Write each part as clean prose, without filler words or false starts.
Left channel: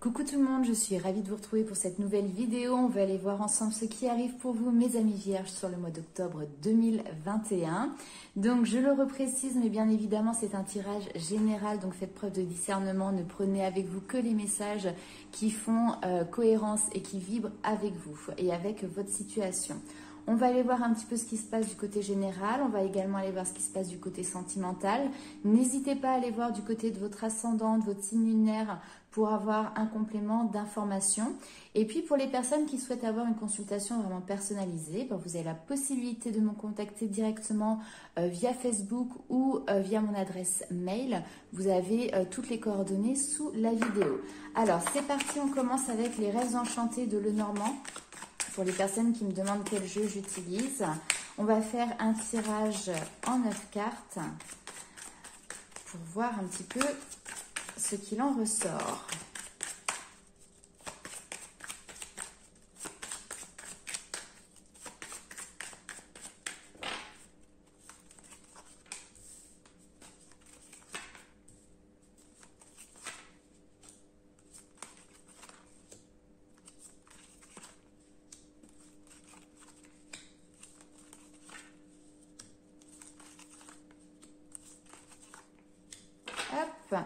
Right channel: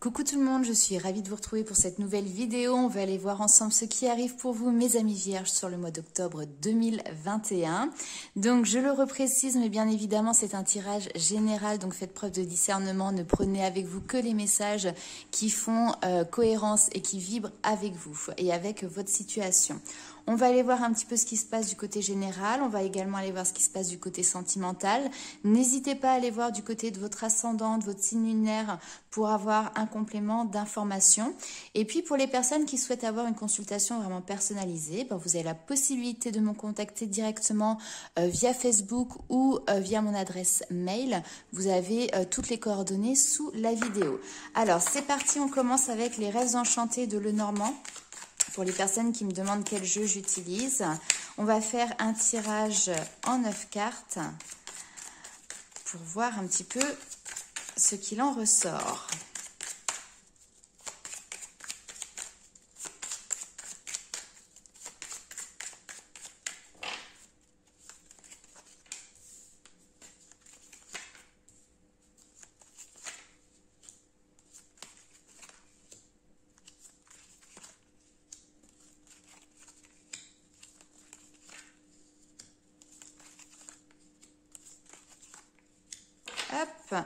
Coucou tout le monde, je suis ravie de vous retrouver pour cette nouvelle vidéo. On va aller voir ensemble ce qui arrive pour vous, mes amis vierges, sur le mois d'octobre 2021. Donc je le reprécise, mais bien évidemment c'est un tirage général, donc faites preuve de discernement. Ne prenez avec vous que les messages qui font cohérence et qui vibrent avec vous et avec votre situation. On va aller voir un petit peu ce qui se passe du côté général. On va également aller voir ce qui se passe du côté sentimental. N'hésitez pas à aller voir du côté de votre ascendant, de votre signe lunaire pour avoir un complément d'information. Et puis pour les personnes qui souhaitent avoir une consultation vraiment personnalisée, vous avez la possibilité de me contacter directement via Facebook ou via mon adresse mail. Vous avez toutes les coordonnées sous la vidéo. Alors c'est parti, on commence avec les rêves enchantés de Lenormand. Pour les personnes qui me demandent quel jeu j'utilise, on va faire un tirage en 9 cartes pour voir un petit peu ce qu'il en ressort.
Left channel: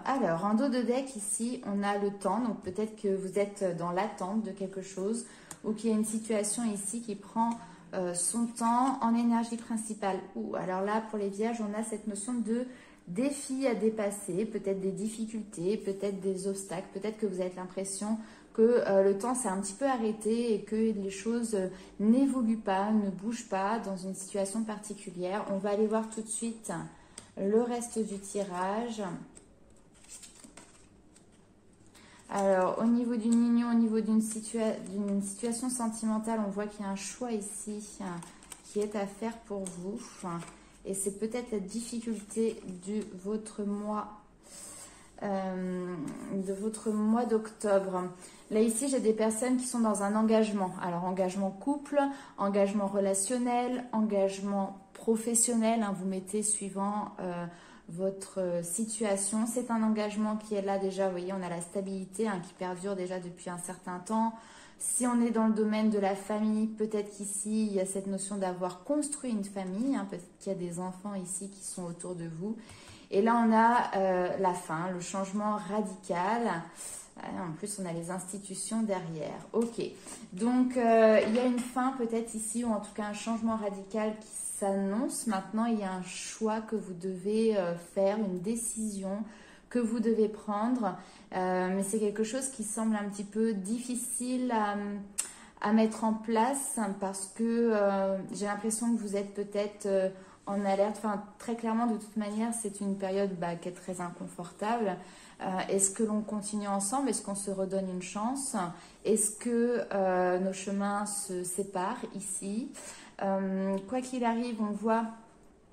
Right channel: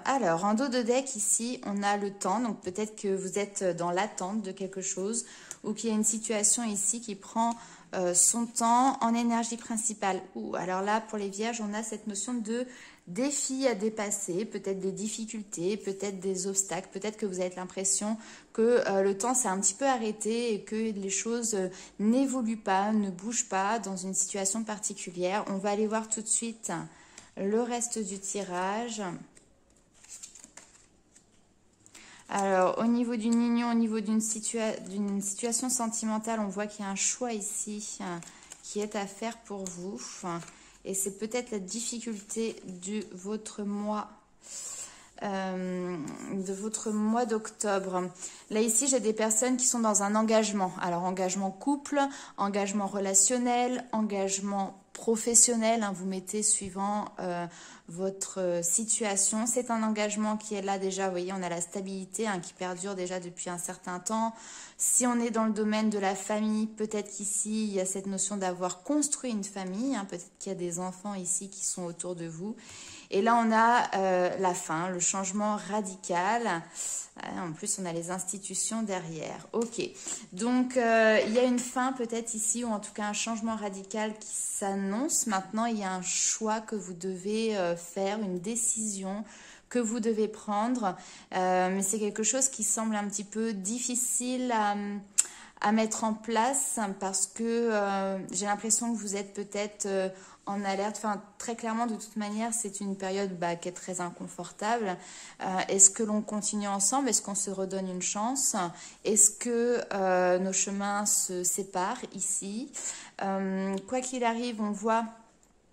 Alors, en dos de deck, ici, on a le temps. Donc, peut-être que vous êtes dans l'attente de quelque chose ou qu'il y a une situation ici qui prend son temps en énergie principale. Alors là, pour les vierges, on a cette notion de défi à dépasser, peut-être des difficultés, peut-être des obstacles, peut-être que vous avez l'impression que le temps s'est un petit peu arrêté et que les choses n'évoluent pas, ne bougent pas dans une situation particulière. On va aller voir tout de suite le reste du tirage. Alors, au niveau d'une union, au niveau d'une situation sentimentale, on voit qu'il y a un choix ici qui est à faire pour vous. Et c'est peut-être la difficulté de votre mois d'octobre. Là, ici, j'ai des personnes qui sont dans un engagement. Alors, engagement couple, engagement relationnel, engagement professionnel. Vous mettez suivant votre situation. C'est un engagement qui est là déjà. Vous voyez, on a la stabilité qui perdure déjà depuis un certain temps. Si on est dans le domaine de la famille, peut-être qu'ici, il y a cette notion d'avoir construit une famille. Peut-être qu'il y a des enfants ici qui sont autour de vous. Et là, on a la fin, le changement radical. En plus, on a les institutions derrière. Ok, donc il y a une fin peut-être ici, ou en tout cas un changement radical qui s'annonce. Maintenant, il y a un choix que vous devez faire, une décision que vous devez prendre. Mais c'est quelque chose qui semble un petit peu difficile à mettre en place parce que j'ai l'impression que vous êtes peut-être en alerte. Enfin, très clairement, de toute manière, c'est une période qui est très inconfortable. Est-ce que l'on continue ensemble? Est-ce qu'on se redonne une chance? Est-ce que nos chemins se séparent ici? Quoi qu'il arrive, on voit...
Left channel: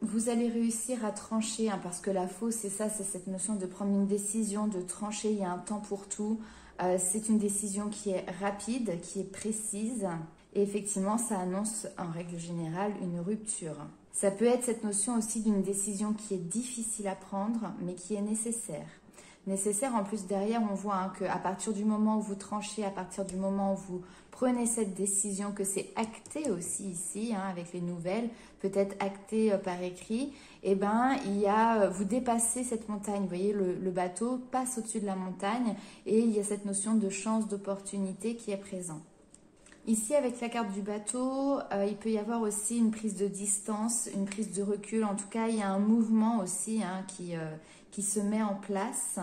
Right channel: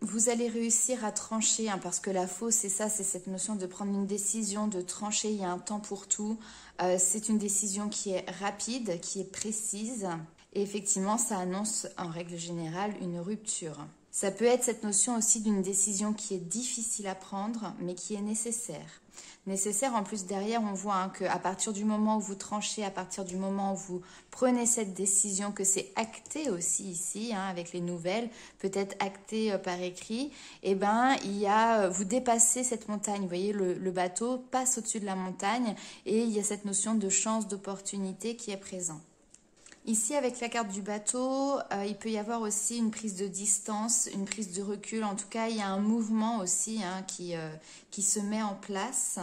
Vous allez réussir à trancher, parce que la fausse, c'est ça, c'est cette notion de prendre une décision, de trancher, il y a un temps pour tout. C'est une décision qui est rapide, qui est précise. Et effectivement, ça annonce en règle générale une rupture. Ça peut être cette notion aussi d'une décision qui est difficile à prendre, mais qui est nécessaire. Nécessaire, en plus derrière, on voit qu'à partir du moment où vous tranchez, à partir du moment où vous prenez cette décision, que c'est acté aussi ici, avec les nouvelles, peut-être acté par écrit, et vous dépassez cette montagne. Vous voyez, le bateau passe au-dessus de la montagne et il y a cette notion de chance, d'opportunité qui est présente. Ici, avec la carte du bateau, il peut y avoir aussi une prise de distance, une prise de recul. En tout cas, il y a un mouvement aussi qui se met en place.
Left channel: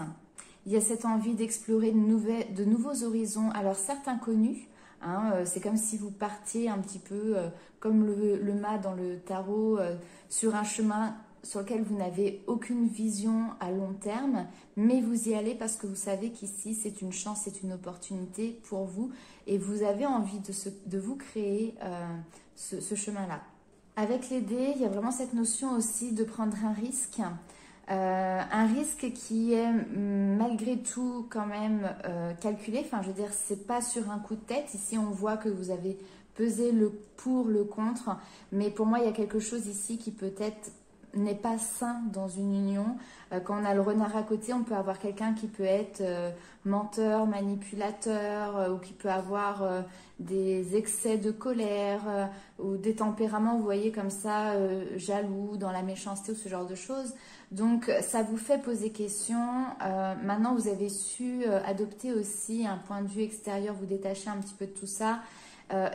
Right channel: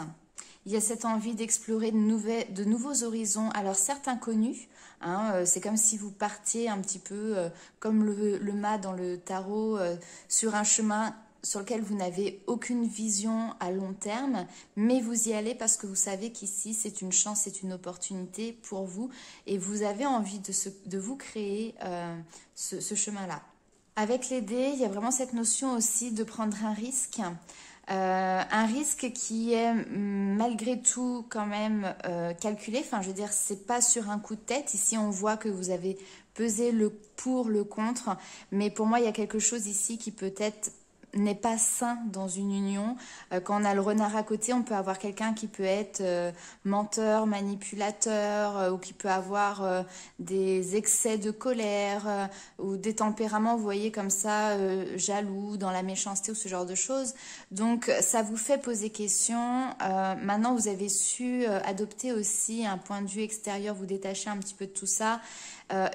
Il y a cette envie d'explorer de nouveaux horizons. Alors, certes inconnus, c'est comme si vous partiez un petit peu comme le mât dans le tarot sur un chemin sur lequel vous n'avez aucune vision à long terme, mais vous y allez parce que vous savez qu'ici, c'est une chance, c'est une opportunité pour vous et vous avez envie de vous créer ce chemin-là. Avec les dés, il y a vraiment cette notion aussi de prendre un risque qui est malgré tout quand même calculé. Enfin, je veux dire, c'est pas sur un coup de tête. Ici, on voit que vous avez pesé le pour, le contre, mais pour moi, il y a quelque chose ici qui peut être n'est pas sain dans une union. Quand on a le renard à côté, on peut avoir quelqu'un qui peut être menteur, manipulateur, ou qui peut avoir des excès de colère, ou des tempéraments, vous voyez, comme ça, jaloux, dans la méchanceté ou ce genre de choses. Donc ça vous fait poser question. Maintenant, vous avez su adopter aussi un point de vue extérieur, vous détacher un petit peu de tout ça.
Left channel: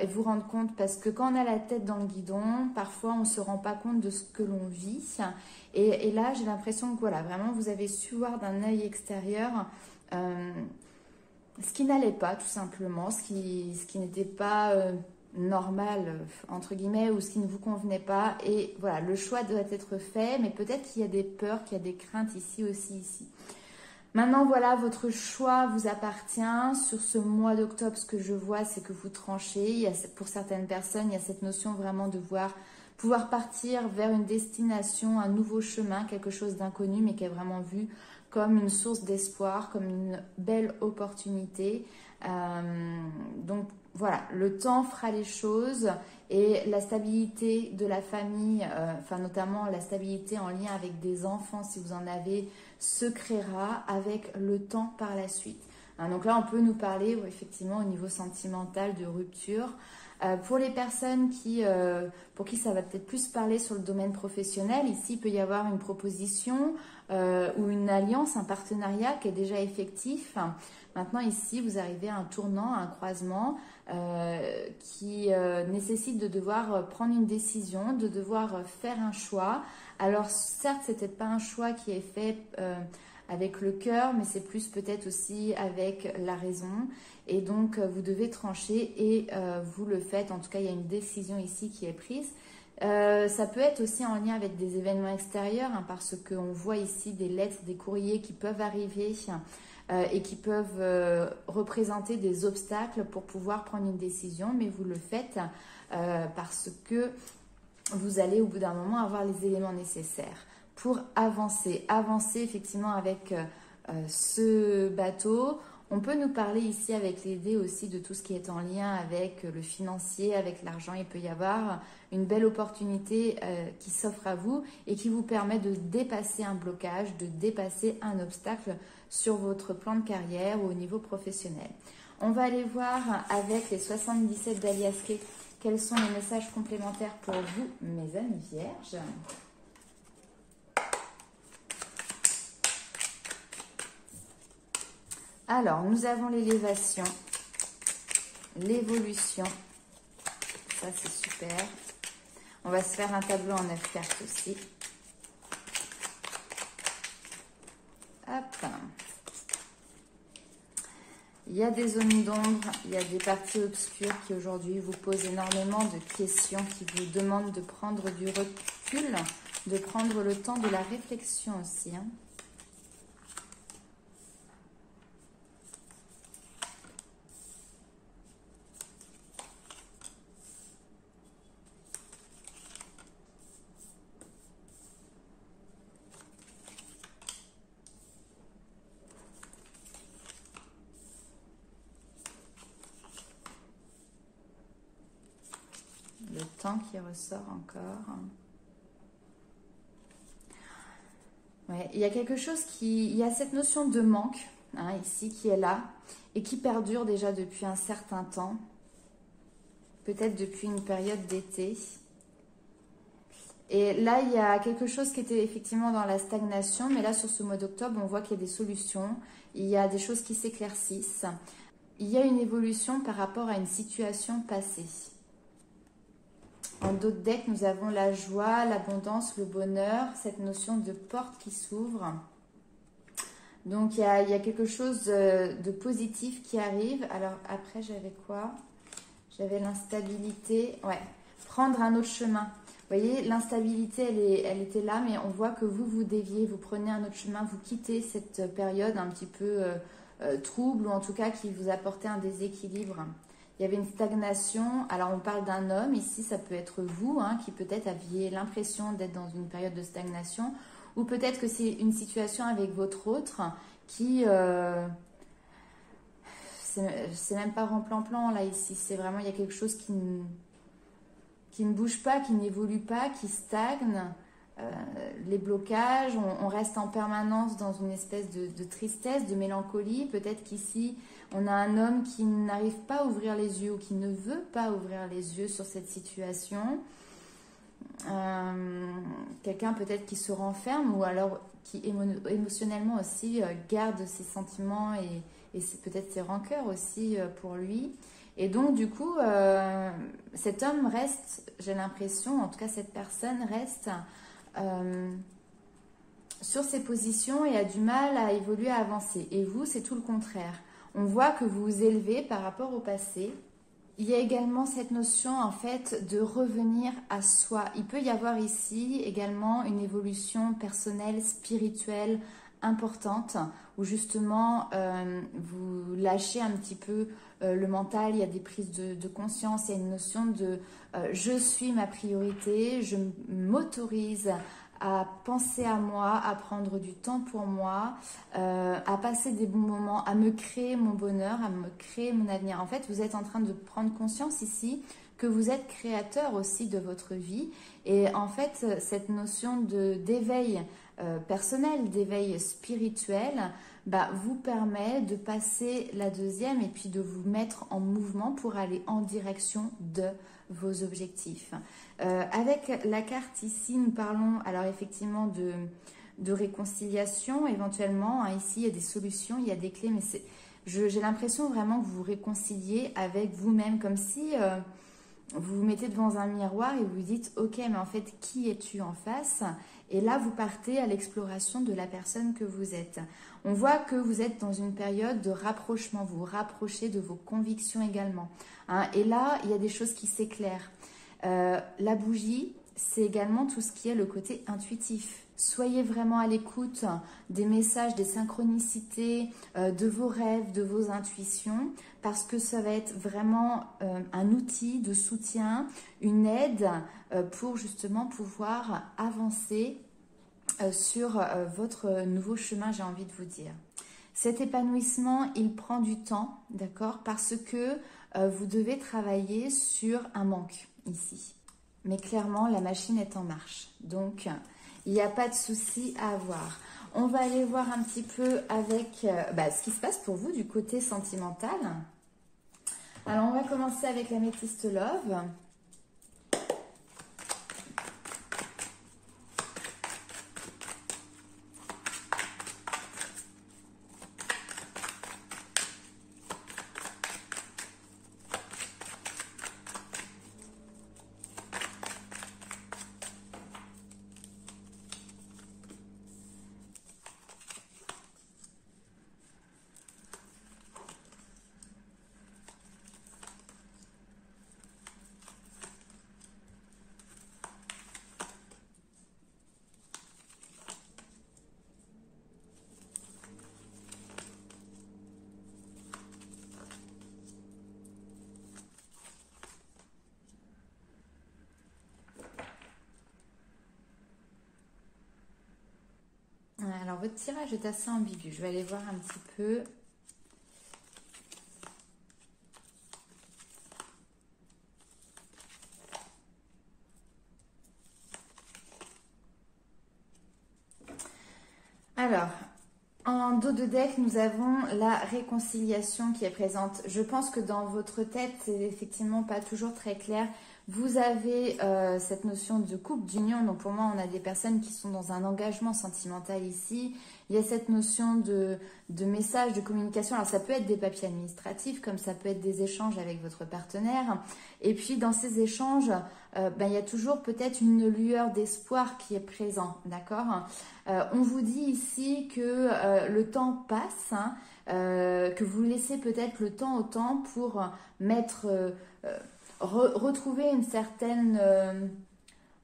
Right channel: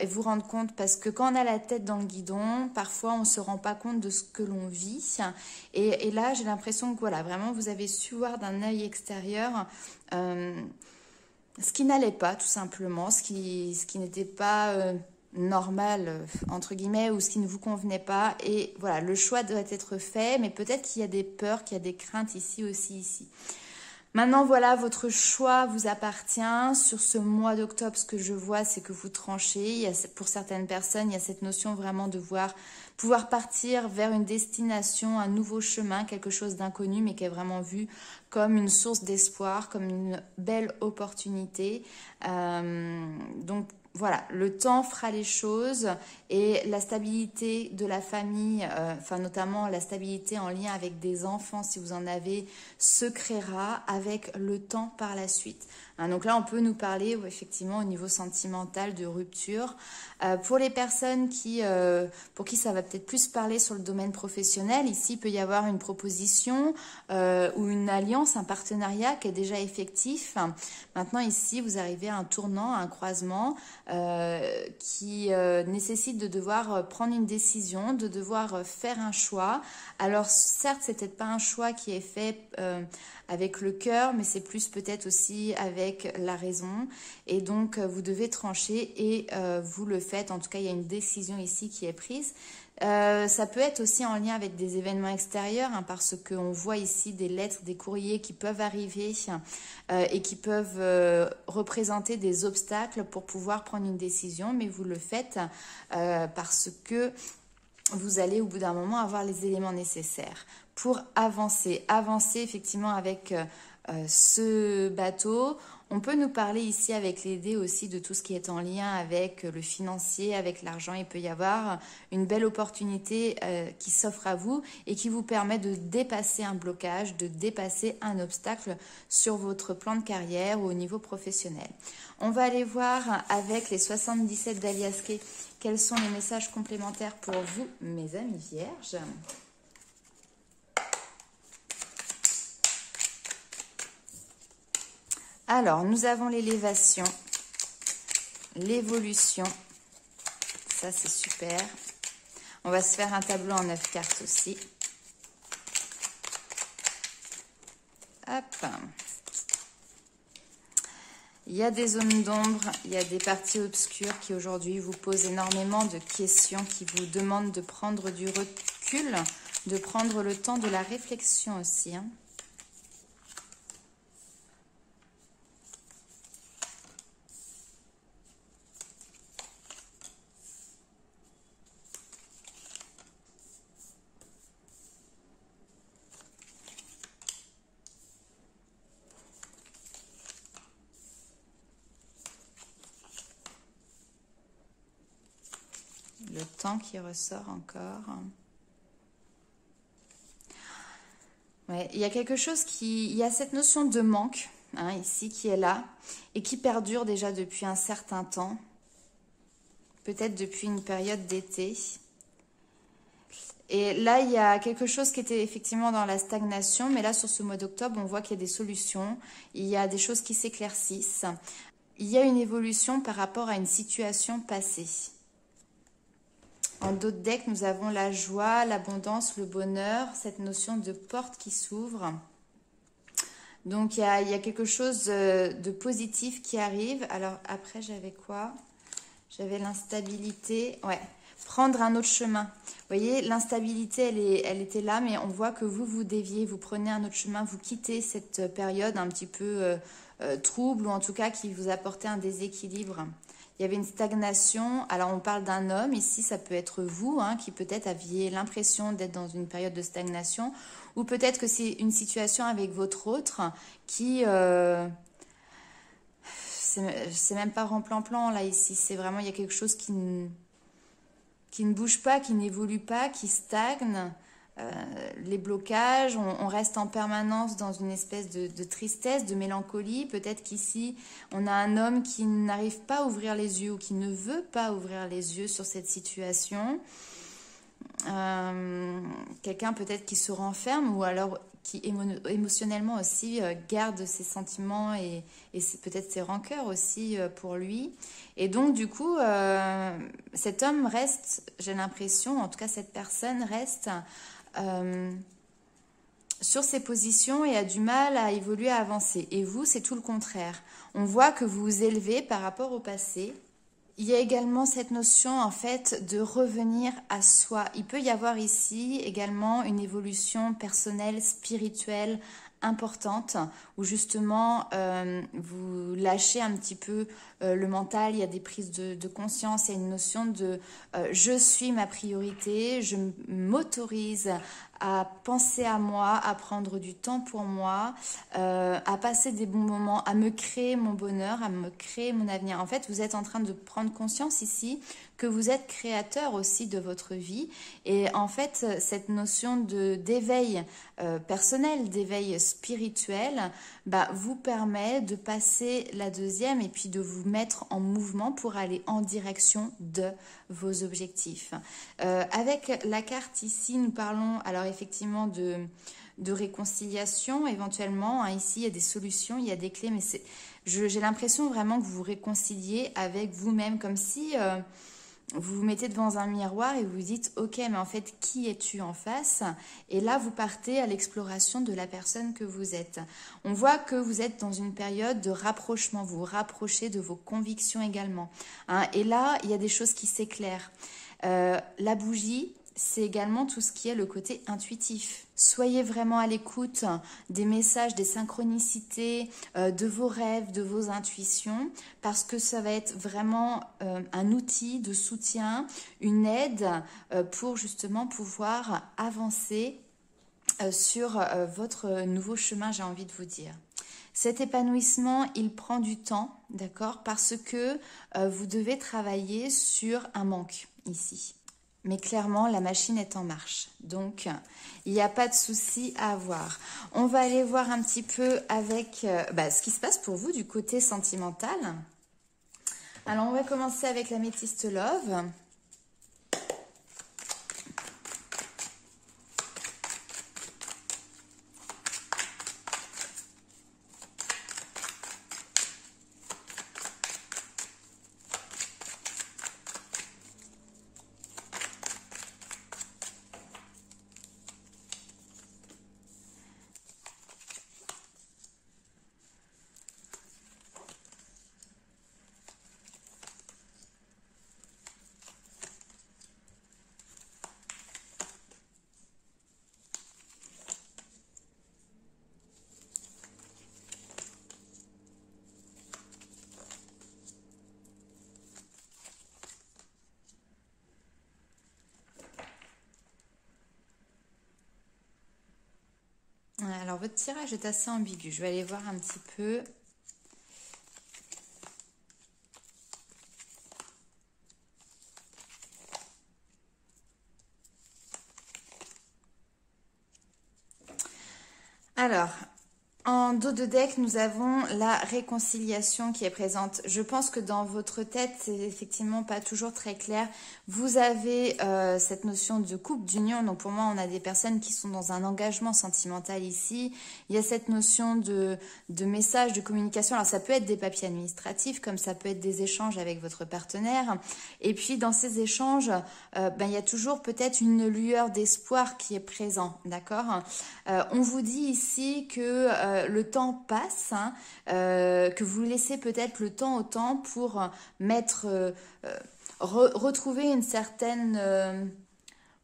Et vous rendre compte, parce que quand on a la tête dans le guidon, parfois on ne se rend pas compte de ce que l'on vit. Et là, j'ai l'impression que voilà, vraiment, vous avez su voir d'un œil extérieur ce qui n'allait pas, tout simplement, ce qui n'était pas normal, entre guillemets, ou ce qui ne vous convenait pas. Et voilà, le choix doit être fait, mais peut-être qu'il y a des peurs, qu'il y a des craintes ici aussi, ici. Maintenant, voilà, votre choix vous appartient. Sur ce mois d'octobre, ce que je vois, c'est que vous tranchez. Pour certaines personnes, il y a cette notion vraiment de pouvoir partir vers une destination, un nouveau chemin, quelque chose d'inconnu, mais qui est vraiment vu comme une source d'espoir, comme une belle opportunité. Donc, voilà, le temps fera les choses et la stabilité de la famille, enfin notamment la stabilité en lien avec des enfants, si vous en avez, se créera avec le temps par la suite. Donc là, on peut nous parler effectivement au niveau sentimental de rupture. Pour les personnes pour qui ça va peut-être plus parler sur le domaine professionnel, ici il peut y avoir une proposition ou une alliance, un partenariat qui est déjà effectif. Maintenant ici, vous arrivez à un tournant, à un croisement qui nécessite de devoir prendre une décision, de devoir faire un choix. Alors certes, c'est peut-être pas un choix qui est fait avec le cœur, mais c'est plus peut-être aussi avec la raison. Et donc, vous devez trancher et vous le faites. En tout cas, il y a une décision ici qui est prise. Ça peut être aussi en lien avec des événements extérieurs, parce qu'on voit ici des lettres, des courriers qui peuvent arriver et qui peuvent représenter des obstacles pour pouvoir prendre une décision. Mais vous le faites parce que vous allez au bout d'un moment avoir les éléments nécessaires pour avancer. Avancer effectivement avec ce bateau. On peut nous parler ici avec les dés aussi de tout ce qui est en lien avec le financier, avec l'argent. Il peut y avoir une belle opportunité qui s'offre à vous et qui vous permet de dépasser un blocage, de dépasser un obstacle sur votre plan de carrière ou au niveau professionnel. On va aller voir avec les 77 d'Aliasqué quels sont les messages complémentaires pour vous, mes amis vierges. Alors, nous avons l'élévation, l'évolution, ça c'est super. On va se faire un tableau en 9 cartes aussi. Hop. Il y a des zones d'ombre, il y a des parties obscures qui aujourd'hui vous posent énormément de questions, qui vous demandent de prendre du recul, de prendre le temps de la réflexion aussi. Le temps qui ressort encore. Ouais, il y a quelque chose il y a cette notion de manque ici qui est là et qui perdure déjà depuis un certain temps, peut-être depuis une période d'été. Et là, il y a quelque chose qui était effectivement dans la stagnation, mais là, sur ce mois d'octobre, on voit qu'il y a des solutions, il y a des choses qui s'éclaircissent. Il y a une évolution par rapport à une situation passée. En d'autres decks, nous avons la joie, l'abondance, le bonheur, cette notion de porte qui s'ouvre. Donc, il y a quelque chose de positif qui arrive. Alors, après, j'avais quoi? J'avais l'instabilité. Ouais, prendre un autre chemin. Vous voyez, l'instabilité, elle était là, mais on voit que vous déviez, vous prenez un autre chemin, vous quittez cette période un petit peu trouble, ou en tout cas qui vous apportait un déséquilibre. Il y avait une stagnation. Alors, on parle d'un homme. Ici, ça peut être vous qui peut-être aviez l'impression d'être dans une période de stagnation. Ou peut-être que c'est une situation avec votre autre qui... c'est même pas remplan-plan, là, ici. C'est vraiment, il y a quelque chose qui ne bouge pas, qui n'évolue pas, qui stagne. les blocages, on reste en permanence dans une espèce de tristesse, de mélancolie. Peut-être qu'ici, on a un homme qui n'arrive pas à ouvrir les yeux ou qui ne veut pas ouvrir les yeux sur cette situation. Quelqu'un peut-être qui se renferme ou alors qui émotionnellement aussi garde ses sentiments et peut-être ses rancœurs aussi pour lui. Et donc du coup, cet homme reste, j'ai l'impression, en tout cas cette personne reste sur ses positions et a du mal à évoluer, à avancer. Et vous, c'est tout le contraire. On voit que vous vous élevez par rapport au passé. Il y a également cette notion en fait de revenir à soi. Il peut y avoir ici également une évolution personnelle, spirituelle importante où justement vous lâchez un petit peu le mental, il y a des prises de conscience, il y a une notion de je suis ma priorité, je m'autorise à penser à moi, à prendre du temps pour moi, à passer des bons moments, à me créer mon bonheur, à me créer mon avenir. En fait, vous êtes en train de prendre conscience ici que vous êtes créateur aussi de votre vie. Et en fait, cette notion d'éveil personnel, d'éveil spirituel, vous permet de passer la deuxième et puis de vous mettre en mouvement pour aller en direction de vos objectifs. Avec la carte ici, nous parlons alors effectivement de réconciliation éventuellement. Ici, il y a des solutions, il y a des clés, mais j'ai l'impression vraiment que vous vous réconciliez avec vous-même, comme si vous vous mettez devant un miroir et vous dites « Ok, mais en fait, qui es-tu en face ?» Et là, vous partez à l'exploration de la personne que vous êtes. On voit que vous êtes dans une période de rapprochement, vous vous rapprochez de vos convictions également. Et là, il y a des choses qui s'éclairent. La bougie, c'est également tout ce qui est le côté intuitif. Soyez vraiment à l'écoute des messages, des synchronicités, de vos rêves, de vos intuitions, parce que ça va être vraiment un outil de soutien, une aide pour justement pouvoir avancer sur votre nouveau chemin, j'ai envie de vous dire. Cet épanouissement, il prend du temps, d'accord, parce que vous devez travailler sur un manque ici. Mais clairement, la machine est en marche. Donc, il n'y a pas de souci à avoir. On va aller voir un petit peu avec ce qui se passe pour vous du côté sentimental. Alors, on va commencer avec l'améthyste Love. Alors, votre tirage est assez ambigu. Je vais aller voir un petit peu. Alors, en dos de deck, nous avons la réconciliation qui est présente. Je pense que dans votre tête, c'est effectivement pas toujours très clair. Vous avez cette notion de couple, d'union. Donc pour moi, on a des personnes qui sont dans un engagement sentimental ici. Il y a cette notion de message, de communication. Alors ça peut être des papiers administratifs, comme ça peut être des échanges avec votre partenaire. Et puis dans ces échanges, il y a toujours peut-être une lueur d'espoir qui est présent, d'accord ? On vous dit ici que le temps passe, que vous laissez peut-être le temps au temps pour retrouver une certaine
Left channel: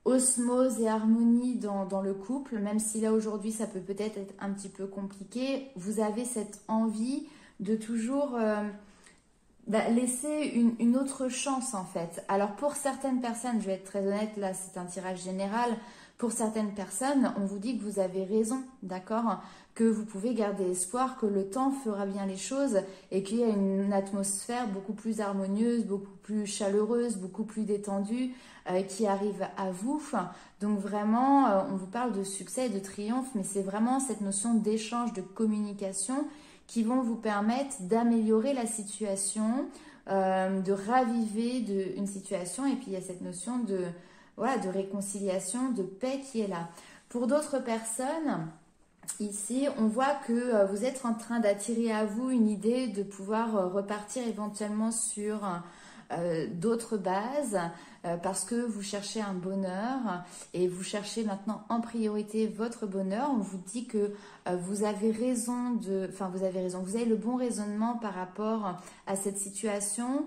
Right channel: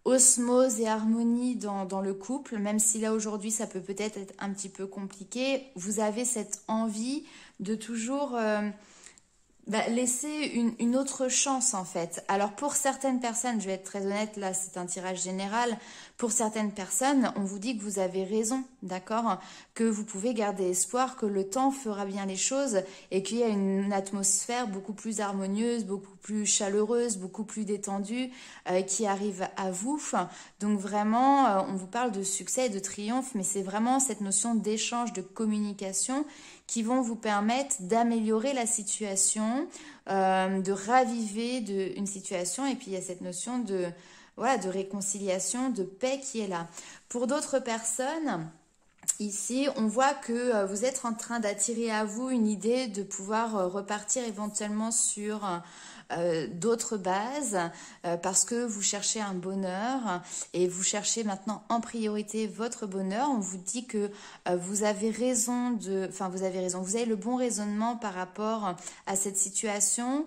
osmose et harmonie dans le couple, même si là aujourd'hui ça peut peut-être être un petit peu compliqué. Vous avez cette envie de toujours laisser une autre chance en fait. Alors pour certaines personnes, je vais être très honnête, là c'est un tirage général, Pour certaines personnes, on vous dit que vous avez raison, d'accord? Que vous pouvez garder espoir, que le temps fera bien les choses et qu'il y a une atmosphère beaucoup plus harmonieuse, beaucoup plus chaleureuse, beaucoup plus détendue qui arrive à vous. Donc vraiment, on vous parle de succès et de triomphe, mais c'est vraiment cette notion d'échange, de communication qui vont vous permettre d'améliorer la situation, de raviver une situation. Et puis il y a cette notion de, voilà, de réconciliation, de paix qui est là. Pour d'autres personnes, ici, on voit que vous êtes en train d'attirer à vous une idée de pouvoir repartir éventuellement sur d'autres bases parce que vous cherchez un bonheur et vous cherchez maintenant en priorité votre bonheur. On vous dit que vous avez raison vous avez le bon raisonnement par rapport à cette situation.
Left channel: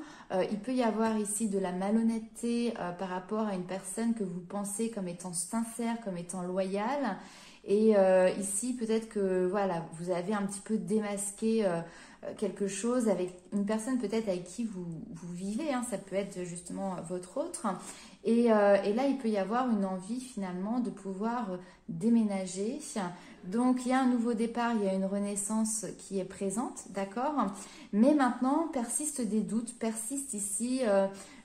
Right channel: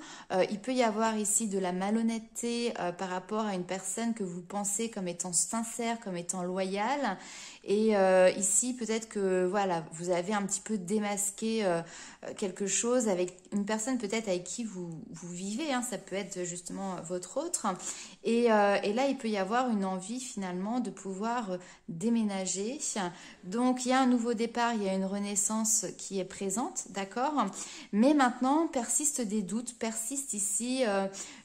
Il peut y avoir ici de la malhonnêteté par rapport à une personne que vous pensez comme étant sincère, comme étant loyale. Et ici, peut-être que voilà, vous avez un petit peu démasqué quelque chose avec une personne peut-être avec qui vous vivez, hein, ça peut être justement votre autre. Et là, il peut y avoir une envie finalement de pouvoir déménager. Donc, il y a un nouveau départ, il y a une renaissance qui est présente, d'accord? Mais maintenant, persistent des doutes, persiste ici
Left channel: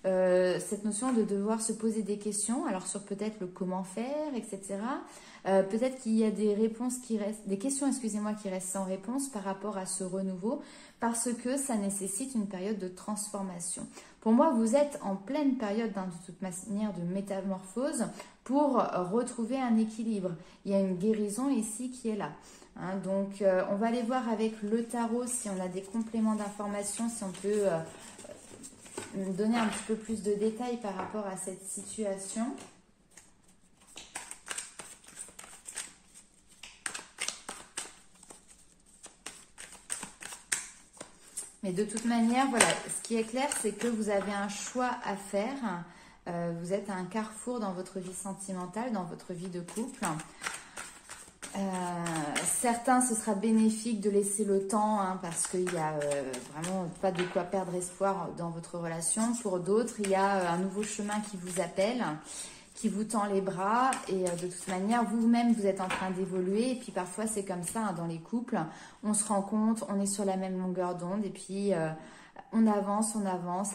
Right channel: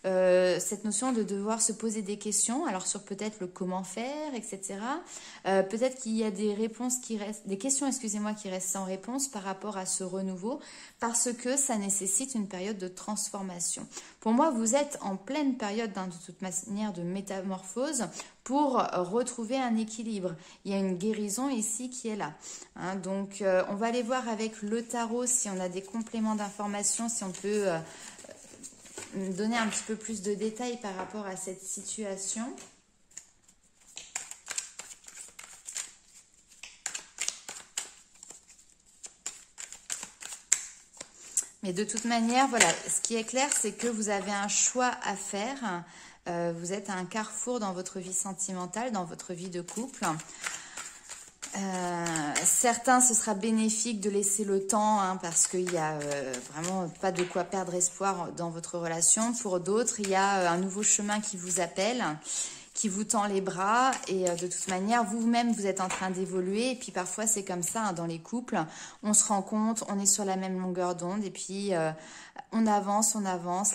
cette notion de devoir se poser des questions, alors sur peut-être le comment faire, etc. Peut-être qu'il y a des réponses qui restent, des questions, excusez-moi, qui restent sans réponse par rapport à ce renouveau, parce que ça nécessite une période de transformation. Pour moi, vous êtes en pleine période, de toute manière, de métamorphose pour retrouver un équilibre. Il y a une guérison ici qui est là. Hein, donc, on va aller voir avec le tarot si on a des compléments d'informations, si on peut donner un petit peu plus de détails par rapport à cette situation. Mais de toute manière, voilà, ce qui est clair, c'est que vous avez un choix à faire. Vous êtes à un carrefour dans votre vie sentimentale, dans votre vie de couple. Certains, ce sera bénéfique de laisser le temps, hein, parce qu'il n'y a vraiment pas de quoi perdre espoir dans votre relation. Pour d'autres, il y a un nouveau chemin qui vous appelle, qui vous tend les bras, et de toute manière, vous-même, vous êtes en train d'évoluer, et puis parfois, c'est comme ça, hein, dans les couples, on se rend compte, on est sur la même longueur d'onde, et puis on avance,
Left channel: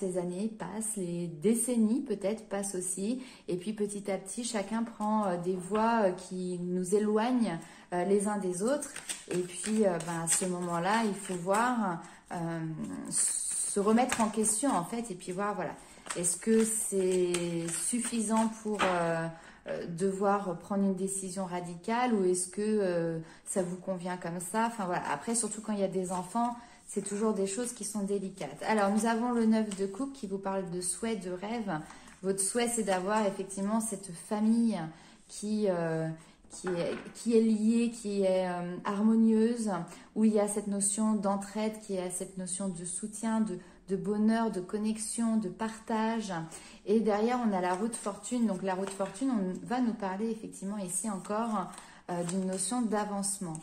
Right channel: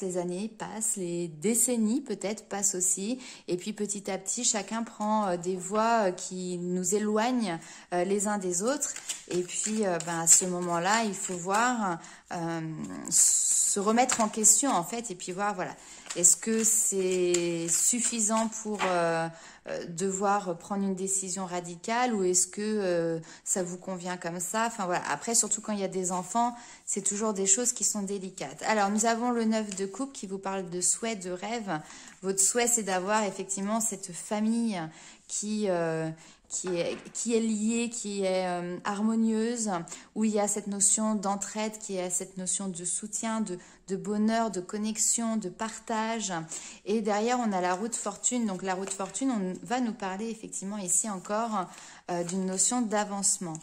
les années passent, les décennies peut-être passent aussi, et puis petit à petit, chacun prend des voies qui nous éloignent les uns des autres, et puis à ce moment-là, il faut voir, se remettre en question en fait, et puis voir, voilà, est-ce que c'est suffisant pour devoir prendre une décision radicale, ou est-ce que ça vous convient comme ça? Enfin voilà, après surtout quand il y a des enfants, c'est toujours des choses qui sont délicates. Alors nous avons le 9 de coupe qui vous parle de souhait, de rêve. Votre souhait, c'est d'avoir effectivement cette famille qui est liée, qui est harmonieuse, où il y a cette notion d'entraide, qui est cette notion de soutien, de bonheur, de connexion, de partage. Et derrière, on a la roue de fortune. Donc la roue de fortune, on va nous parler effectivement ici encore d'une notion d'avancement.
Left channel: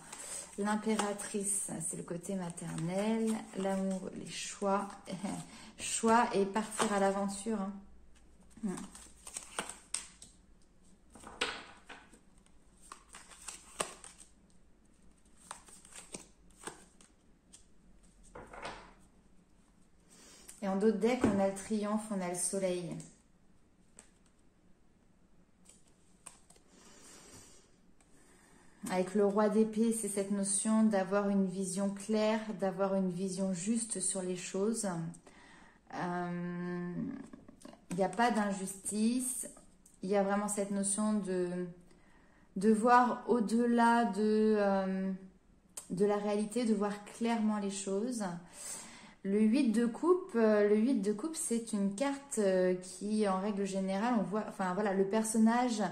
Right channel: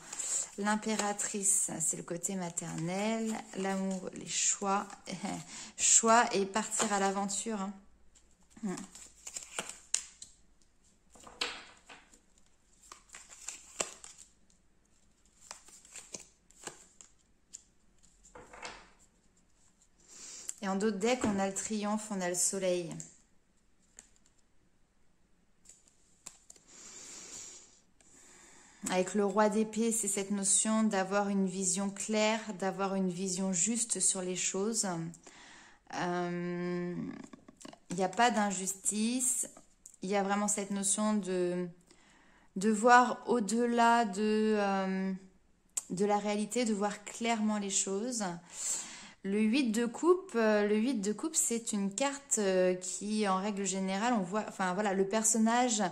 L'impératrice, c'est le côté maternel, l'amour, les choix, choix et partir à l'aventure. Hein. Et en d'autres decks, on a le triomphe, on a le soleil. Avec le roi d'épée, c'est cette notion d'avoir une vision claire, d'avoir une vision juste sur les choses. Il n'y a pas d'injustice. Il y a vraiment cette notion de voir au-delà de la réalité, de voir clairement les choses. Le 8 de coupe, c'est une carte qui, en règle générale, on voit, enfin voilà, le personnage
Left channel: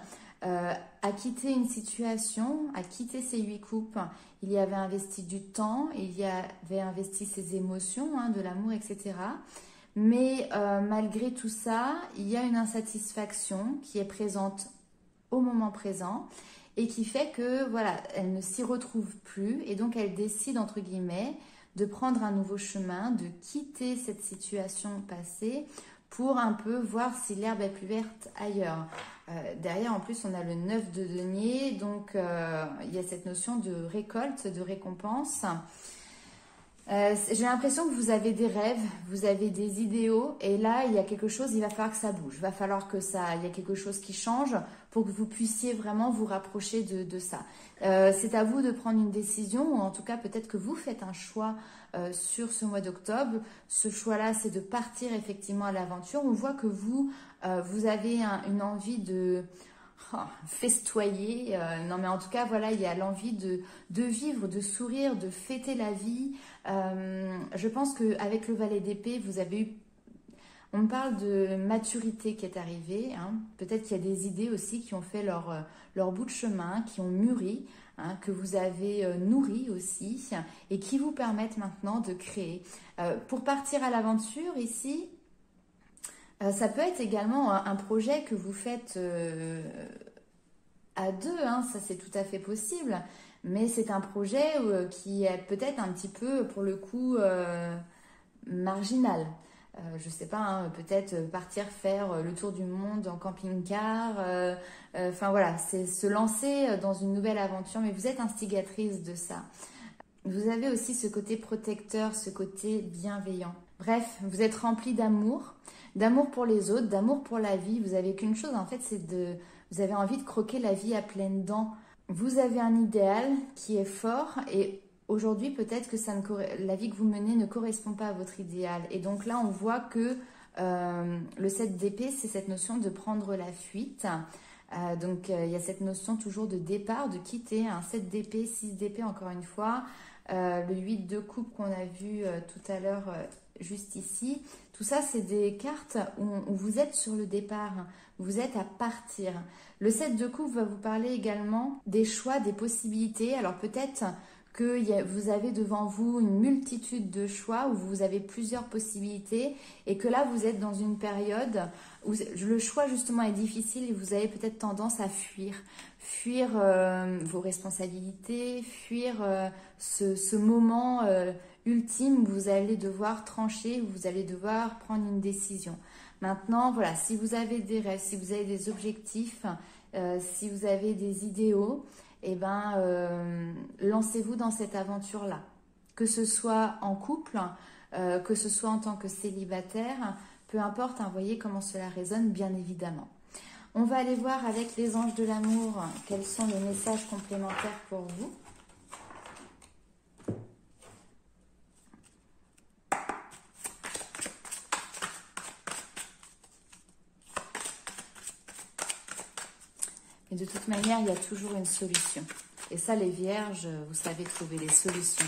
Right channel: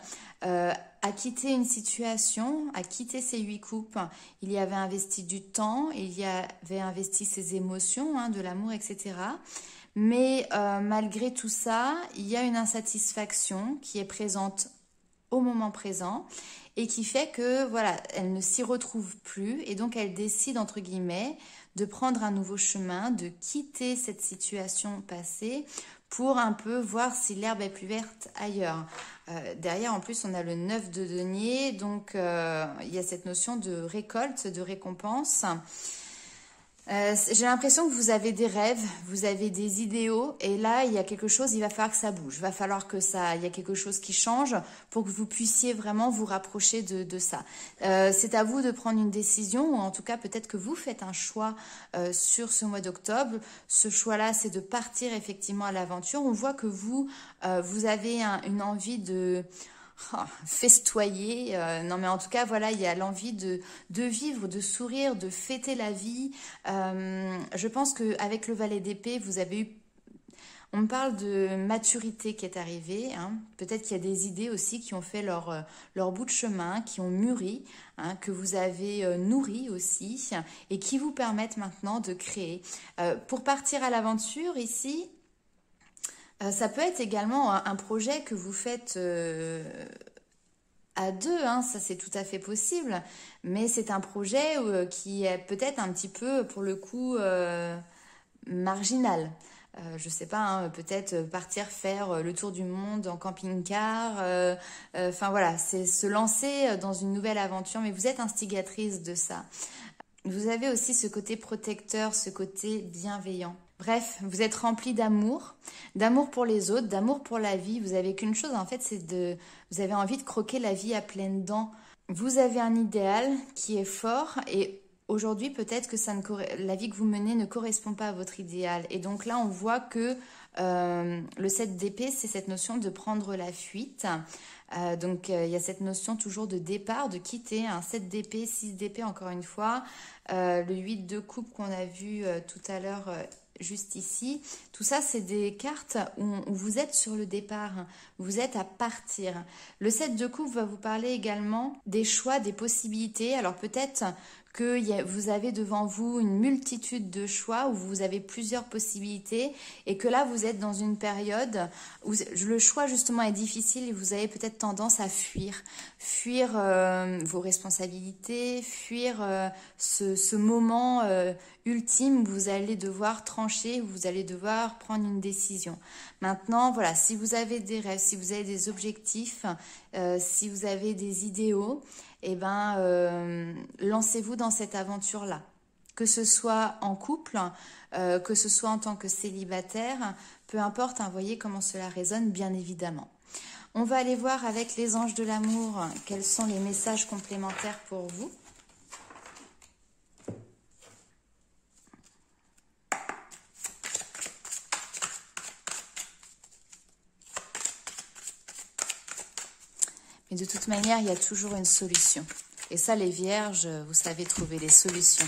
a quitté une situation, a quitté ses 8 coupes. Il y avait investi du temps, il y avait investi ses émotions, hein, de l'amour, etc. Mais malgré tout ça, il y a une insatisfaction qui est présente au moment présent et qui fait que voilà, elle ne s'y retrouve plus, et donc elle décide, entre guillemets, de prendre un nouveau chemin, de quitter cette situation passée pour un peu voir si l'herbe est plus verte ailleurs. Derrière, en plus, on a le 9 de denier, donc il y a cette notion de récolte, de récompense. J'ai l'impression que vous avez des rêves, vous avez des idéaux, et là, il y a quelque chose, il va falloir que ça bouge, il va falloir il y a quelque chose qui change pour que vous puissiez vraiment vous rapprocher de ça. C'est à vous de prendre une décision, ou en tout cas, peut-être que vous faites un choix sur ce mois d'octobre. Ce choix-là, c'est de partir effectivement à l'aventure. On voit que vous avez une envie de festoyer, non mais en tout cas voilà, il y a l'envie de vivre, de sourire, de fêter la vie. Je pense qu'avec le valet d'épée, vous avez eu, on me parle de maturité qui est arrivée, hein. Peut-être qu'il y a des idées aussi qui ont fait leur bout de chemin, qui ont mûri, hein, que vous avez nourri aussi, et qui vous permettent maintenant de créer. Pour partir à l'aventure ici, ça peut être également un projet que vous faites à deux, hein, ça c'est tout à fait possible, mais c'est un projet qui est peut-être un petit peu, pour le coup, marginal. Je sais pas, hein, peut-être partir faire le tour du monde en camping-car. Enfin voilà, c'est se lancer dans une nouvelle aventure, mais vous êtes instigatrice de ça. Vous avez aussi ce côté protecteur, ce côté bienveillant. Bref, vous êtes rempli d'amour pour les autres, d'amour pour la vie. Vous avez qu'une chose en fait, vous avez envie de croquer la vie à pleines dents. Vous avez un idéal qui est fort et aujourd'hui peut-être que la vie que vous menez ne correspond pas à votre idéal. Et donc là on voit que le 7 d'épée, c'est cette notion de prendre la fuite. Donc il y a cette notion toujours de départ, de quitter, un 7 d'épée, 6 d'épée encore une fois, le 8 de coupe qu'on a vu tout à l'heure juste ici. Tout ça, c'est des cartes où vous êtes sur le départ, vous êtes à partir. Le 7 de coupe va vous parler également des choix, des possibilités. Alors peut-être que vous avez devant vous une multitude de choix, où vous avez plusieurs possibilités, et que là, vous êtes dans une période où le choix, justement, est difficile, et vous avez peut-être tendance à fuir vos responsabilités, fuir ce moment ultime où vous allez devoir trancher, où vous allez devoir prendre une décision. Maintenant, voilà, si vous avez des rêves, si vous avez des objectifs, si vous avez des idéaux, eh ben, lancez-vous dans cette aventure-là. Que ce soit en couple, que ce soit en tant que célibataire, peu importe, hein, voyez comment cela résonne, bien évidemment. On va aller voir avec les anges de l'amour quels sont les messages complémentaires pour vous. Mais de toute manière, il y a toujours une solution. Et ça, les vierges, vous savez trouver les solutions.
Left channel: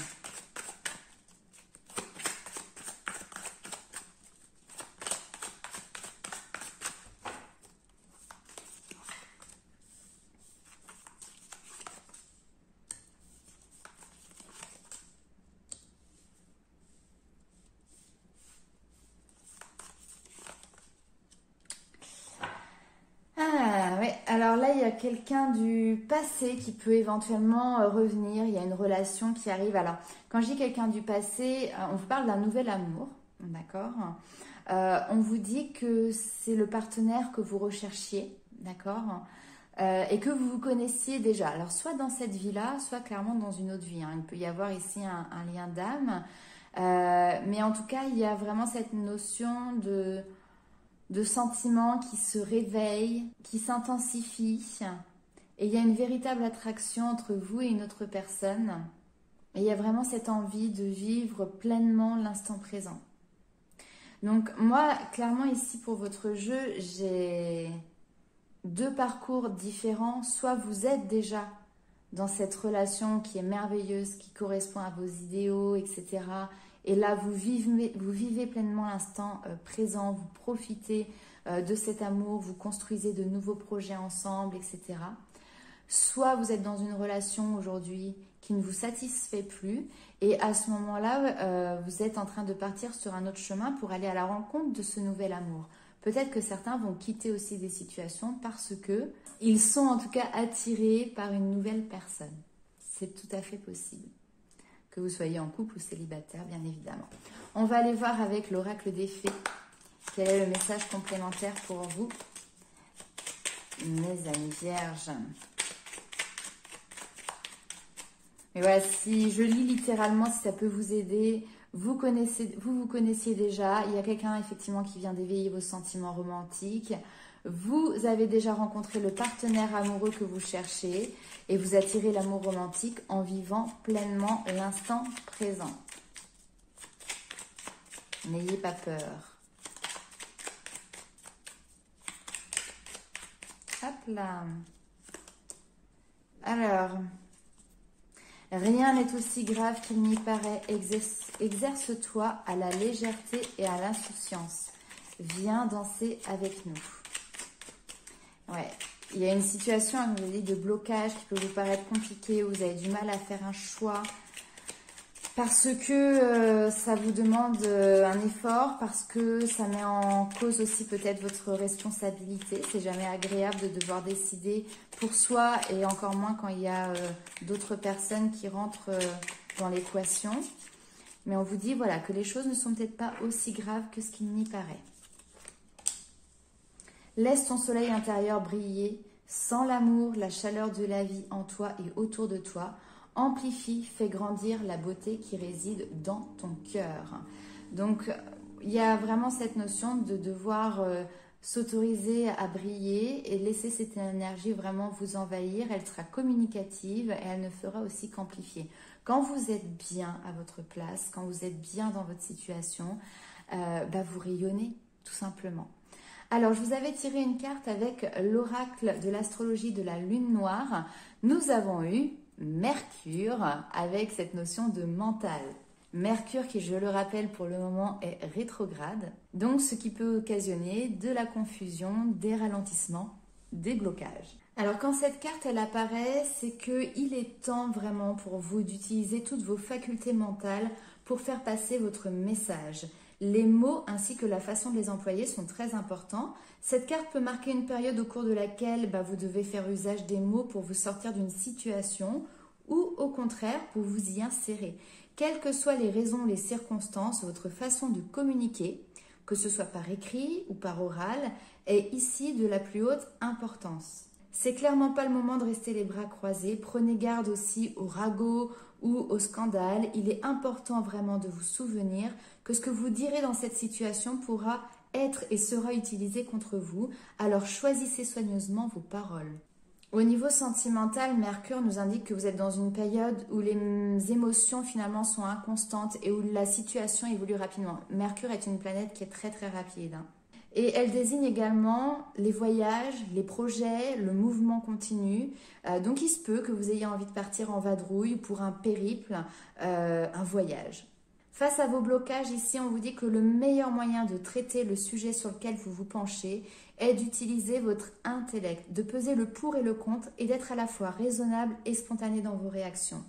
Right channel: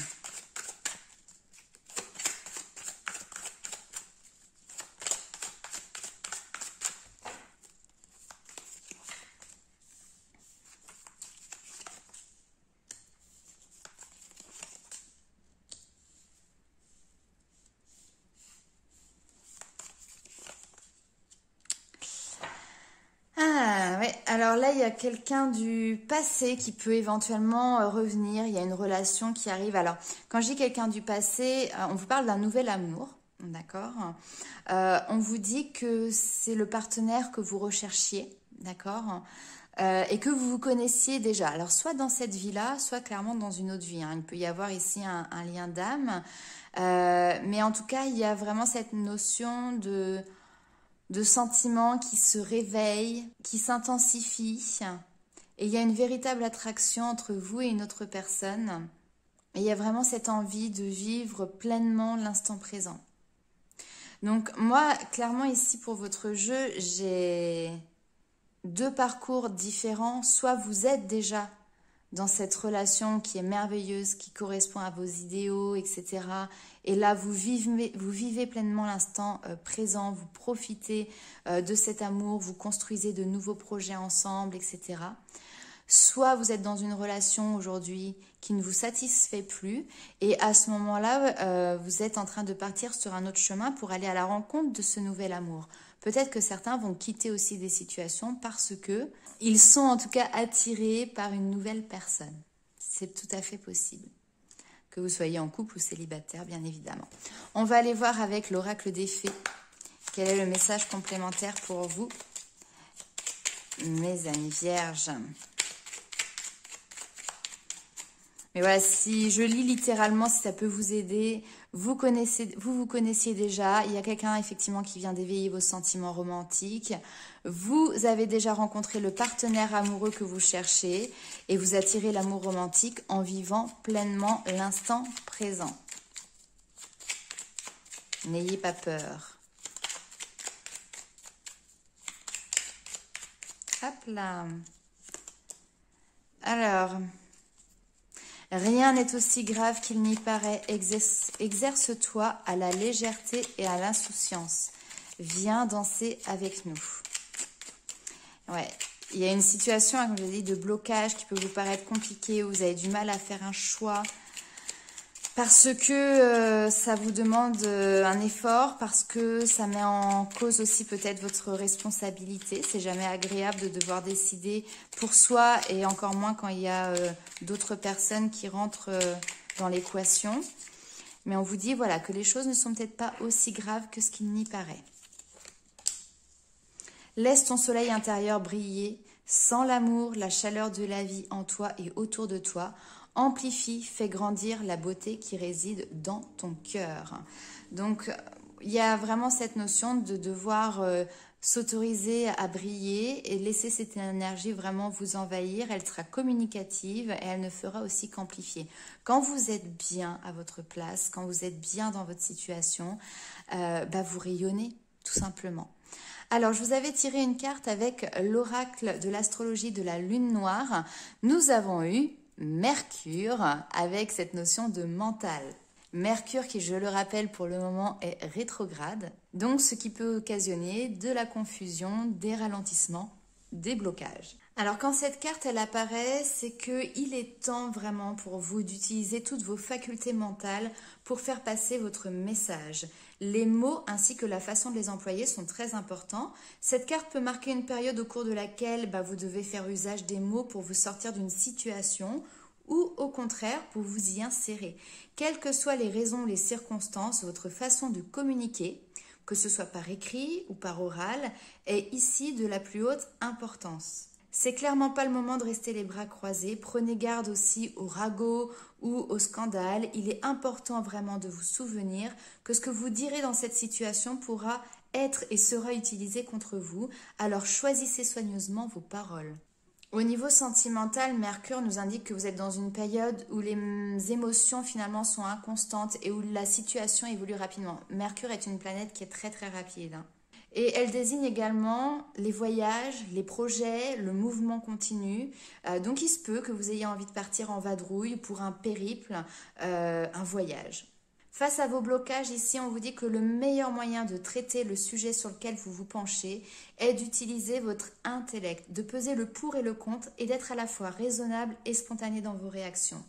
Alors là, il y a quelqu'un du passé qui peut éventuellement revenir. Il y a une relation qui arrive. Alors, quand je dis quelqu'un du passé, on vous parle d'un nouvel amour, d'accord? On vous dit que c'est le partenaire que vous recherchiez, d'accord? Et que vous vous connaissiez déjà. Alors, soit dans cette vie-là, soit clairement dans une autre vie, hein. Il peut y avoir ici un lien d'âme. Mais en tout cas, il y a vraiment cette notion de sentiments qui se réveillent, qui s'intensifient. Et il y a une véritable attraction entre vous et une autre personne. Et il y a vraiment cette envie de vivre pleinement l'instant présent. Donc moi, clairement ici pour votre jeu, j'ai deux parcours différents. Soit vous êtes déjà dans cette relation qui est merveilleuse, qui correspond à vos idéaux, etc. Et là, vous vivez pleinement l'instant présent, vous profitez de cet amour, vous construisez de nouveaux projets ensemble, etc. Soit vous êtes dans une relation aujourd'hui qui ne vous satisfait plus et à ce moment-là, vous êtes en train de partir sur un autre chemin pour aller à la rencontre de ce nouvel amour. Peut-être que certains vont quitter aussi des situations parce que ils sont en tout cas attirés par une nouvelle personne. C'est tout à fait possible. Que vous soyez en couple ou célibataire, bien évidemment. On va aller voir avec l'oracle des fées. Quel est le message complémentaire pour vous? mes amis vierges. Mais voilà, si je lis littéralement, si ça peut vous aider, vous connaissiez déjà. Il y a quelqu'un effectivement qui vient d'éveiller vos sentiments romantiques. Vous avez déjà rencontré le partenaire amoureux que vous cherchez et vous attirez l'amour romantique en vivant pleinement l'instant présent. N'ayez pas peur. Hop là. Alors... Rien n'est aussi grave qu'il n'y paraît. Exerce-toi à la légèreté et à l'insouciance. Viens danser avec nous. Ouais, il y a une situation, comme je l'ai dit, de blocage qui peut vous paraître compliquée, où vous avez du mal à faire un choix. Parce que ça vous demande un effort, parce que ça met en cause aussi peut-être votre responsabilité. C'est jamais agréable de devoir décider pour soi et encore moins quand il y a d'autres personnes qui rentrent dans l'équation. Mais on vous dit voilà que les choses ne sont peut-être pas aussi graves que ce qu'il n'y paraît. Laisse ton soleil intérieur briller. Sens l'amour, la chaleur de la vie en toi et autour de toi. Amplifie, fais grandir la beauté qui réside dans ton cœur. Donc, il y a vraiment cette notion de devoir s'autoriser à briller et laisser cette énergie vraiment vous envahir. Elle sera communicative et elle ne fera aussi qu'amplifier. Quand vous êtes bien à votre place, quand vous êtes bien dans votre situation, vous rayonnez tout simplement. Alors, je vous avais tiré une carte avec l'oracle de l'astrologie de la lune noire. Nous avons eu Mercure avec cette notion de mental. Mercure qui, je le rappelle, pour le moment est rétrograde. Donc, ce qui peut occasionner de la confusion, des ralentissements, des blocages. Alors, quand cette carte, elle apparaît, c'est qu'il est temps vraiment pour vous d'utiliser toutes vos facultés mentales pour faire passer votre message. Les mots ainsi que la façon de les employer sont très importants. Cette carte peut marquer une période au cours de laquelle vous devez faire usage des mots pour vous sortir d'une situation ou au contraire pour vous y insérer. Quelles que soient les raisons, les circonstances, votre façon de communiquer, que ce soit par écrit ou par oral, est ici de la plus haute importance. C'est clairement pas le moment de rester les bras croisés. Prenez garde aussi au ragot ou au scandale. Il est important vraiment de vous souvenir que ce que vous direz dans cette situation pourra être et sera utilisé contre vous. Alors choisissez soigneusement vos paroles. Au niveau sentimental, Mercure nous indique que vous êtes dans une période où les émotions finalement sont inconstantes et où la situation évolue rapidement. Mercure est une planète qui est très très rapide. Et elle désigne également les voyages, les projets, le mouvement continu. Donc il se peut que vous ayez envie de partir en vadrouille pour un périple, un voyage. Face à vos blocages, ici, on vous dit que le meilleur moyen de traiter le sujet sur lequel vous vous penchez est d'utiliser votre intellect, de peser le pour et le contre et d'être à la fois raisonnable et spontané dans vos réactions.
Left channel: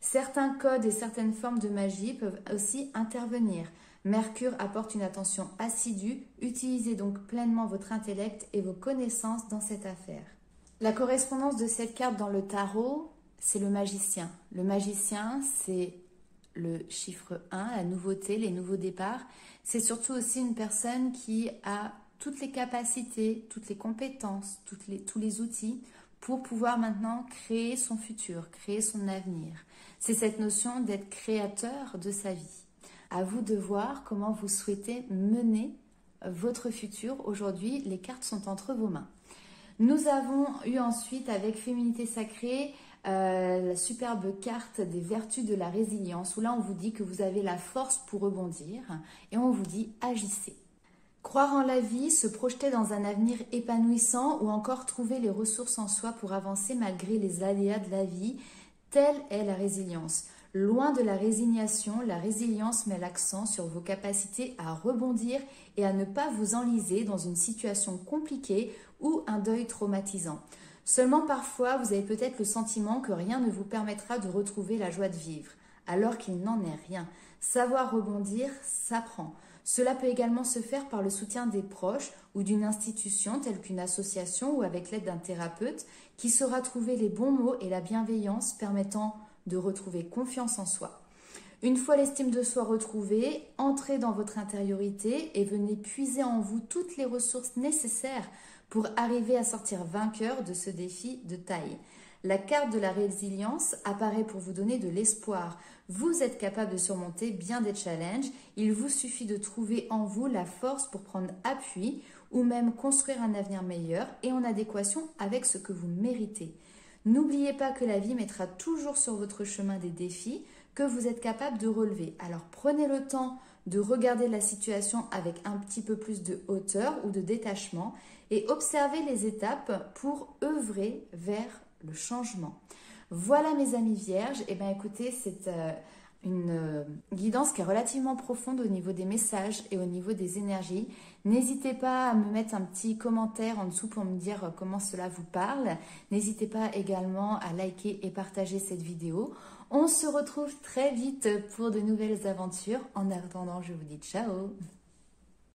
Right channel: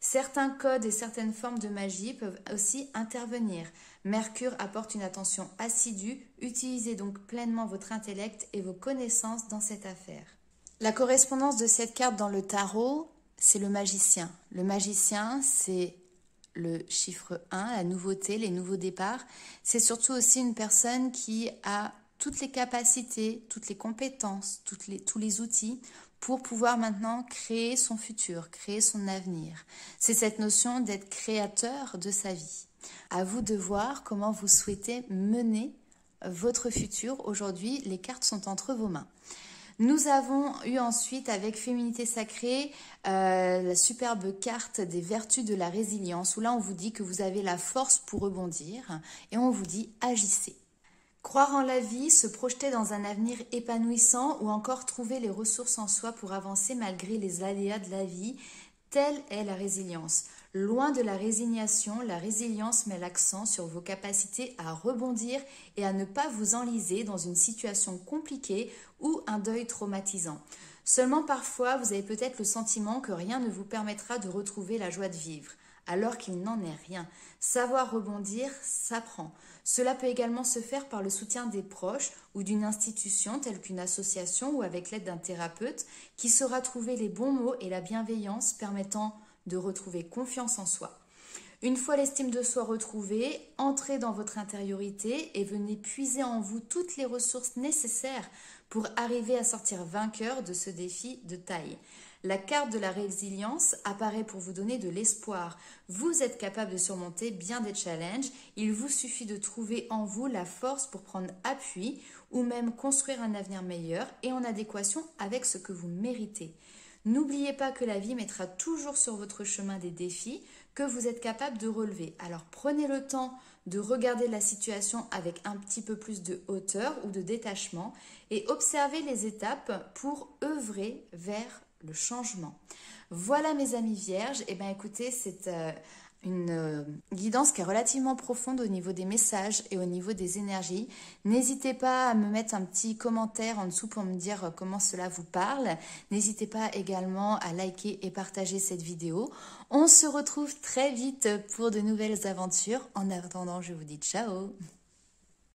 Certains codes et certaines formes de magie peuvent aussi intervenir. Mercure apporte une attention assidue, utilisez donc pleinement votre intellect et vos connaissances dans cette affaire. La correspondance de cette carte dans le tarot, c'est le magicien. Le magicien, c'est le chiffre 1, la nouveauté, les nouveaux départs. C'est surtout aussi une personne qui a toutes les capacités, toutes les compétences, tous les outils pour pouvoir maintenant créer son futur, créer son avenir. C'est cette notion d'être créateur de sa vie. À vous de voir comment vous souhaitez mener votre futur. Aujourd'hui, les cartes sont entre vos mains. Nous avons eu ensuite avec Féminité Sacrée la superbe carte des vertus de la résilience où là on vous dit que vous avez la force pour rebondir et on vous dit agissez. Croire en la vie, se projeter dans un avenir épanouissant ou encore trouver les ressources en soi pour avancer malgré les aléas de la vie, telle est la résilience. Loin de la résignation, la résilience met l'accent sur vos capacités à rebondir et à ne pas vous enliser dans une situation compliquée ou un deuil traumatisant. Seulement parfois, vous avez peut-être le sentiment que rien ne vous permettra de retrouver la joie de vivre, alors qu'il n'en est rien. Savoir rebondir s'apprend. Cela peut également se faire par le soutien des proches ou d'une institution telle qu'une association ou avec l'aide d'un thérapeute qui saura trouver les bons mots et la bienveillance permettant de retrouver confiance en soi. Une fois l'estime de soi retrouvée, entrez dans votre intériorité et venez puiser en vous toutes les ressources nécessaires pour arriver à sortir vainqueur de ce défi de taille. La carte de la résilience apparaît pour vous donner de l'espoir. Vous êtes capable de surmonter bien des challenges. Il vous suffit de trouver en vous la force pour prendre appui ou même construire un avenir meilleur et en adéquation avec ce que vous méritez. N'oubliez pas que la vie mettra toujours sur votre chemin des défis que vous êtes capable de relever. Alors prenez le temps de regarder la situation avec un petit peu plus de hauteur ou de détachement et observez les étapes pour œuvrer vers le changement. Voilà mes amis vierges, et bien écoutez, c'est une guidance qui est relativement profonde au niveau des messages et au niveau des énergies. N'hésitez pas à me mettre un petit commentaire en dessous pour me dire comment cela vous parle. N'hésitez pas également à liker et partager cette vidéo. On se retrouve très vite pour de nouvelles aventures. En attendant, je vous dis ciao!